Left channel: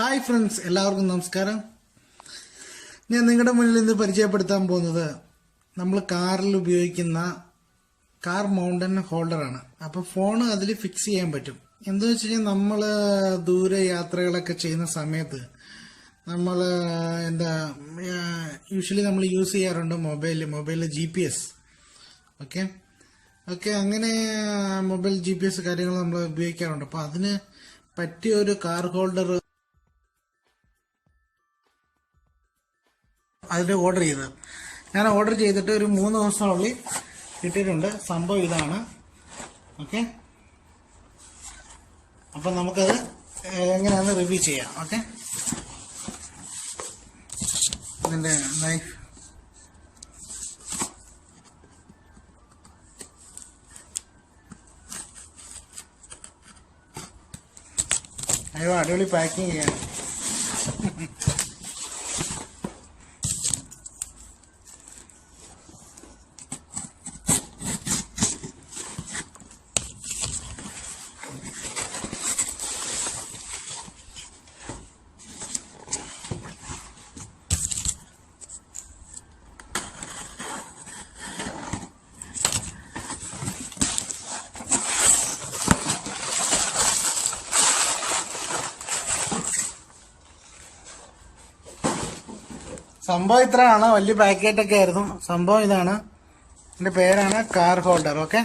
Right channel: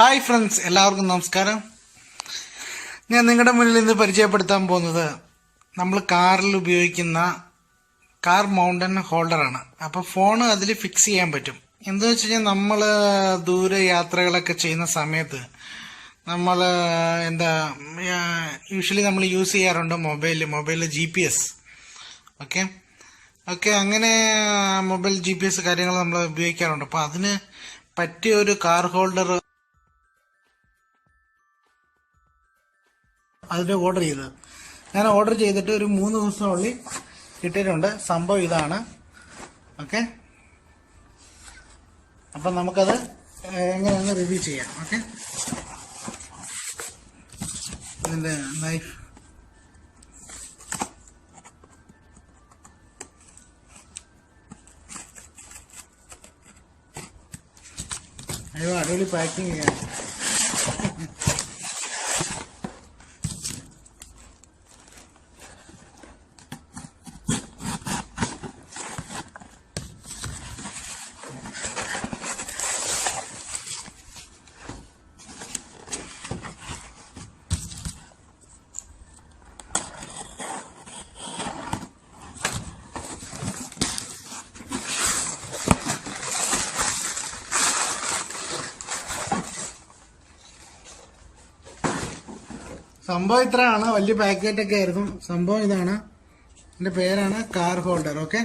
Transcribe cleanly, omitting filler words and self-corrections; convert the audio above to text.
Hi friends, എല്ലാവർക്കും നമസ്കാരം. ഞാൻ നിങ്ങളുടെ മുന്നിൽ ഇന്ന് പരിചയപ്പെടുത്താൻ പോകുന്നത് നമ്മൾ കാറിൽ ഉപയോഗിക്കുന്ന കാർ മൗണ്ടൻ ഹോൾഡറാണ്. അപ്പോൾ ഫോൺ അതിൽ ഫിക്സ് ചെയ്യാൻ പറ്റും. എന്താണെന്ന് വെച്ച് കഴിഞ്ഞാൽ നമ്മൾ ദൂരെ യാത്രകളൊക്കെ ചെയ്യുന്ന സമയത്ത് നമ്മൾ യൂഷ്വലി നമ്മൾ യൂസ് ചെയ്യാറുണ്ട് മൊബൈലിൽ GPS. ഓക്കെ അങ്ങനെ മൊബൈൽ GPS കാര്യങ്ങൾ നമ്മൾ ഉപയോഗിക്കാറുണ്ട്. അപ്പോൾ അതിന് പറ്റിയ ഒരു കാർ ഹോൾഡർ അതിൻ്റെ ഞാൻ ഓർഡർ ചെയ്തിട്ട് ഒരു 3 ദിവസത്തിനുള്ളിൽ കിട്ടിയിട്ടുണ്ട്. സംഭവം ഇതാണ്. ഓക്കെ, അപ്പം നമുക്കത് എങ്ങനെയാണെന്ന് റിവ്യൂ ചെയ്യാം. ഓക്കെ, ഇതിൻ്റെ നൈഫ് അയ്യോ, അടിപൊളി പാക്കിങ് ചെയ്യാൻ. സംഭവം ഇത്രയാണ്. വലിയ പാക്കറ്റൊക്കെ ആയിരുന്നു. സംഭവം ഇതാണ്. എൻ്റെ പേരാണ് കാർ ഹോൾഡർ. ഓക്കെ.